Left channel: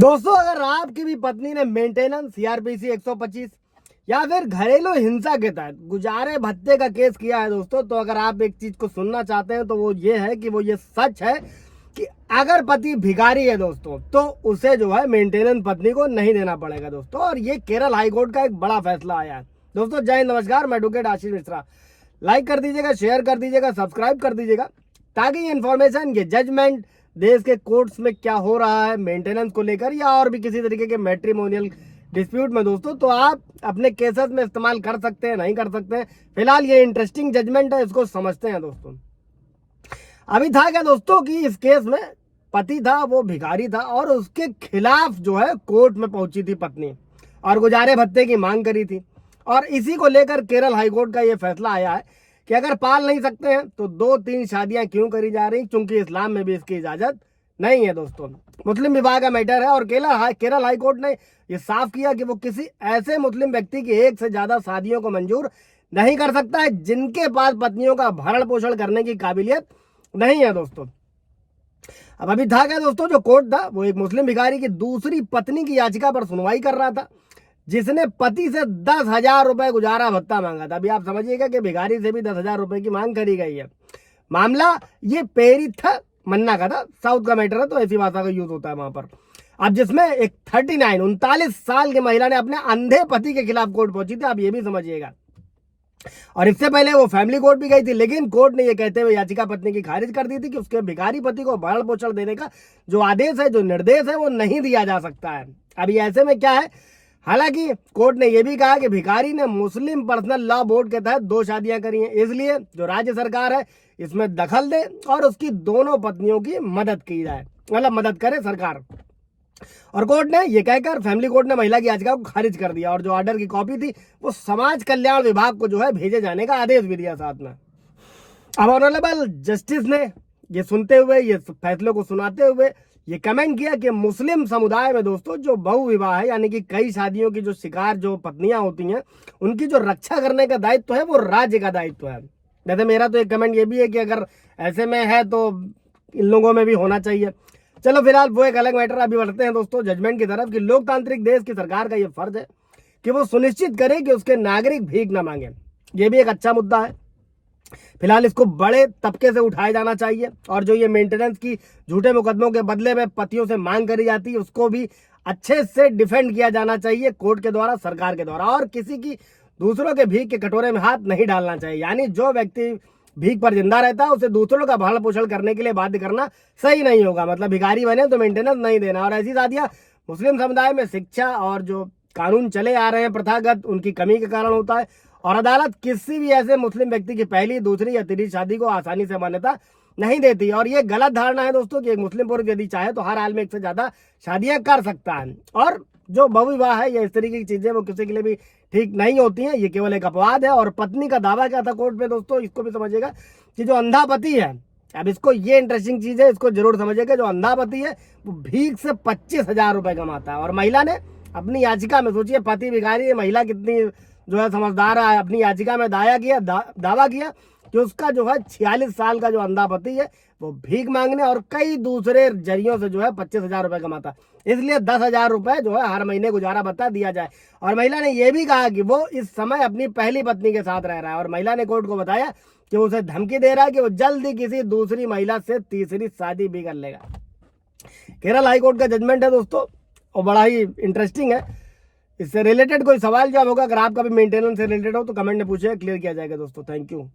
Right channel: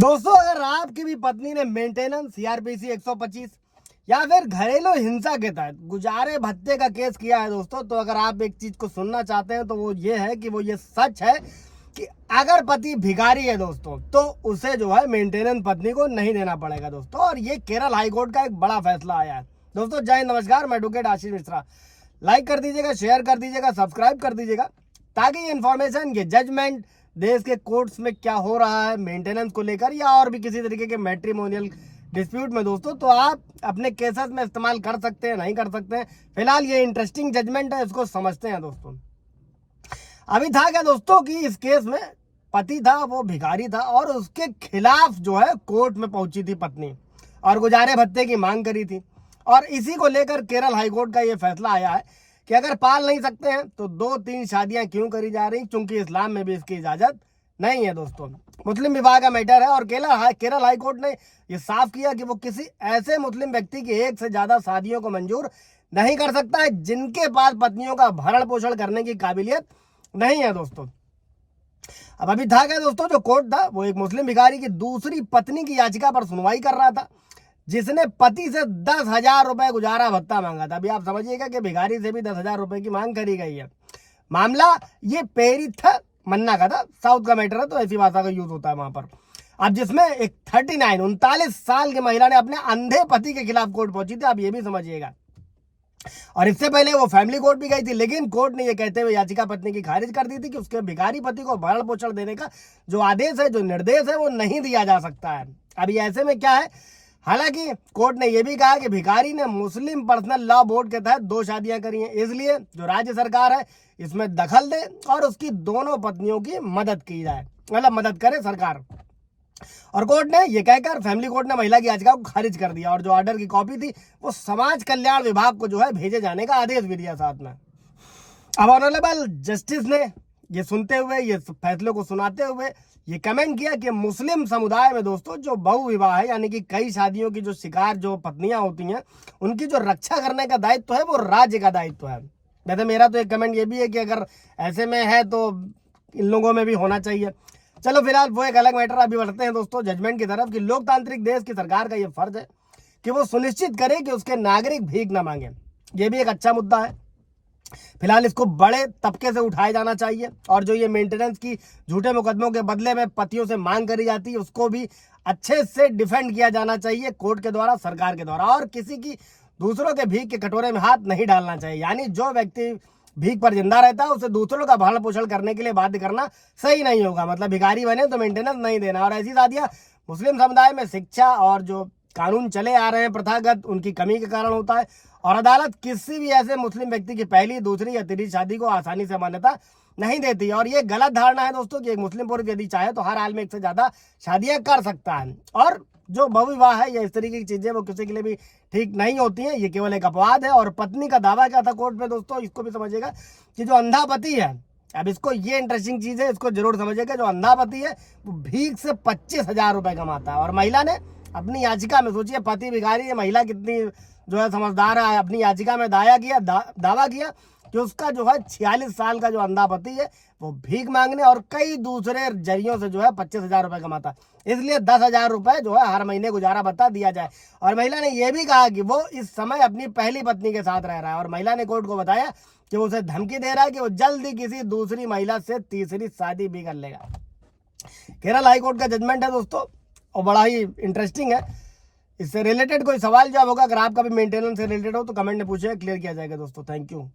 दोस्तों, अगर आपकी भी पत्नी ने मेंटेनेंस सीआरपीसी 125 या फिर घरेलू हिंसा के तहत गुजारे भत्ते का केस किया है दोस्तों, तो अगर आप एक चीज को सुनना चाहते हैं तो वो ये है कि वो ये सच है कि अगर पति भिखारी है दोस्तों तो उसे जो है मेंटेनेंस पत्नी को नहीं देना पड़ेगा दोस्तों। और ये केरल हाईकोर्ट का एक बड़ा फैसला आया है दोस्तों। जय हिंद, नमस्कार, मैं एडवोकेट आशीष मिश्रा। लाइक कर दीजिएगा, शेयर कर दीजिएगा, सब्सक्राइब कर दीजिएगा ताकि ये इन्फॉर्मेशन, ये जजमेंट देश के कोर्ट्स में क्या हो रहा है मेंटेनेंस को लेकर या और भी किसी तरीके के मैट्रिमोनियल डिस्प्यूट में दोस्तों, तो आप अपने केसेस में इस्तेमाल कर सकते हैं, नहीं कर सकते हैं। फिलहाल ये इंटरेस्टिंग जजमेंट है, इसको समझते हैं दोस्तों। अभी था क्या दोस्तों कि इस केस में पति था, वो भिखारी था और उसके खिलाफ जो है कोर्ट में पहुंची थी पत्नी और गुजारे भत्ते की मांग करी थी। और इसी को लेकर केरल हाईकोर्ट का ये फैसला आया है कि अगर पाल नहीं सकते हैं तो 2-3 शादियां क्यों करी जा रही, क्योंकि इस्लाम में भी इसकी इजाजत नहीं है दोस्तों। मुस्लिम विवाह का मैटर है और केरल हाईकोर्ट ने ये साफ किया कि वो किसी ऐसे मुस्लिम व्यक्ति की एक से ज्यादा शादियों को मंजूर नहीं कर सकता है जिनके पास पत्नियों का भरण पोषण करने की काबिलियत नहीं है दोस्तों। अब अभी था क्या दोस्तों, जो कोर्ट था वो एक मुस्लिम भिखारी की दूसरी पत्नी की याचिका पर सुनवाई कर रहा था, जिसने पति से 10,000 रुपए गुजारा भत्ता मांगा था। अभी आप समझिएगा कि भिखारी से भी 10,000 रुपए की मांग करी गई है। मामला ये पेरिथ मन्ना का था, साउथ का मैटर है तो ऐसी भाषा का यूज होता है वहां पर। अब जिसमें एक 39 साल की महिला ने अपने अंधे पति के खिलाफ कोर्ट पहुंची थी, आप ये भी समझिएगा। और इससे पहले वो फैमिली कोर्ट भी गई थी, लेकिन कोर्ट ने ये कहते हुए याचिका पत्नी की खारिज कर दी थी कि उसके भिखारी पति को भरण पोषण देने का जो आदेश है, जो निर्देश है, वो नहीं दिया जा सकता है। अभी ऐसे में क्या है, हालांकि कोर्ट ने यह भी कहा कि भिखारी ने मुस्लिम पर्सनल लॉ बोर्ड के तहत 2 शादियां करी हैं, इसलिए जो राज्य सरकार है इसमें दखल दे और उसकी दोनों पत्नियों की मदद की जाए, मतलब मदद करे सरकार। और कोर्ट ने यह कहकर फैमिली कोर्ट ने महिला की याचिका को खारिज कर दिया और जो ऑर्डर की कॉपी थी वो समाज कल्याण विभाग को जो है भेजे जाने का आदेश भी दिया साथ में। अब ऑनरेबल जस्टिस ने ये सुनते हुए, ये फैसले को सुनाते हुए ये कमेंट किया कि मुस्लिम समुदाय में दोस्तों जो बहु विवाह है, यानी कि कई शादियों की जो शिकार जो पत्नियां होती हैं, उनकी जो रक्षा करने का दायित्व है वो राज्य का दायित्व है। वैसे मेरा तो एक कमेंट ये भी है कि अगर ऐसे में है तो इन लोगों में भी होना चाहिए। चलो फिलहाल वो एक अलग मैटर। अभी बढ़ते हैं दोस्तों जजमेंट की तरफ कि लोकतांत्रिक देश की सरकार का ये फर्ज है कि वो सुनिश्चित करे कि उसके नागरिक भीख न मांगे। ये भी एक अच्छा मुद्दा है। फिलहाल इसको बड़े तबके से उठाया जाना चाहिए और जो ये मेंटेनेंस की झूठे मुकदमों के बदले में पतियों से मांग करी जाती है उसको भी अच्छे से डिफेंड किया जाना चाहिए कोर्ट के द्वारा, सरकार के द्वारा। और किसी की दूसरों के भीख के कटोरे में हाथ नहीं डालना चाहिए, यानी जो व्यक्ति भीख पर जिंदा रहता है उसे दूसरों का भरण पोषण करने के लिए बाध्य करना सही नहीं होगा। मतलब भिखारी बने तो मेंटेनेंस नहीं देना। और ऐसी शादियां मुस्लिम समुदाय में शिक्षा और जो कानून चले आ रहे हैं प्रथागत, उनकी कमी के कारण होता है। और अदालत किसी भी ऐसे मुस्लिम व्यक्ति की पहली, दूसरी या तीसरी शादी को आसानी से मान्यता नहीं देती। और ये गलत धारणा है दोस्तों कि एक मुस्लिम पुरुष यदि चाहे तो हर हाल में 1 से ज्यादा शादियां कर सकता है। और जो बहुविवाह है या इस तरीके की चीजें वो किसी के लिए भी ठीक नहीं होती हैं, ये केवल एक अपवाद है। और पत्नी का दावा क्या था कोर्ट में दोस्तों, इसको भी समझिएगा कि जो अंधा पति है, अब इसको ये इंटरेस्टिंग चीज है, इसको जरूर समझिएगा, जो अंधा पति है वो भीख से 25,000 रुपए कमाता है। और महिला ने अपनी याचिका में, सोचिए पति भिखारी है, महिला कितनी जो है समझदार है, अपनी याचिका में दावा किया कि उसका जो है 46 साल का जो अंधा पति है वो भीख मांगने और कई दूसरे जरियों से जो है 25,000 रुपए कमाता, इसलिए 10,000 रुपए जो है हर महीने गुजारा भत्ता दिया जाए। और महिला ने यह भी कहा कि वो इस समय अपनी पहली पत्नी के साथ रह रहा है और महिला ने कोर्ट को बताया कि वो उसे धमकी दे रहा है कि वो जल्द ही किसी दूसरी महिला से तीसरी शादी भी कर लेगा। केरल हाईकोर्ट का जजमेंट है दोस्तों और बड़ा ही इंटरेस्टिंग है। इससे रिलेटेड कोई सवाल जवाब होगा, अगर आपका भी मेंटेनेंस से रिलेटेड हो तो कमेंट में पूछिए, क्लियर किया जाएगा दोस्तों। Thank you.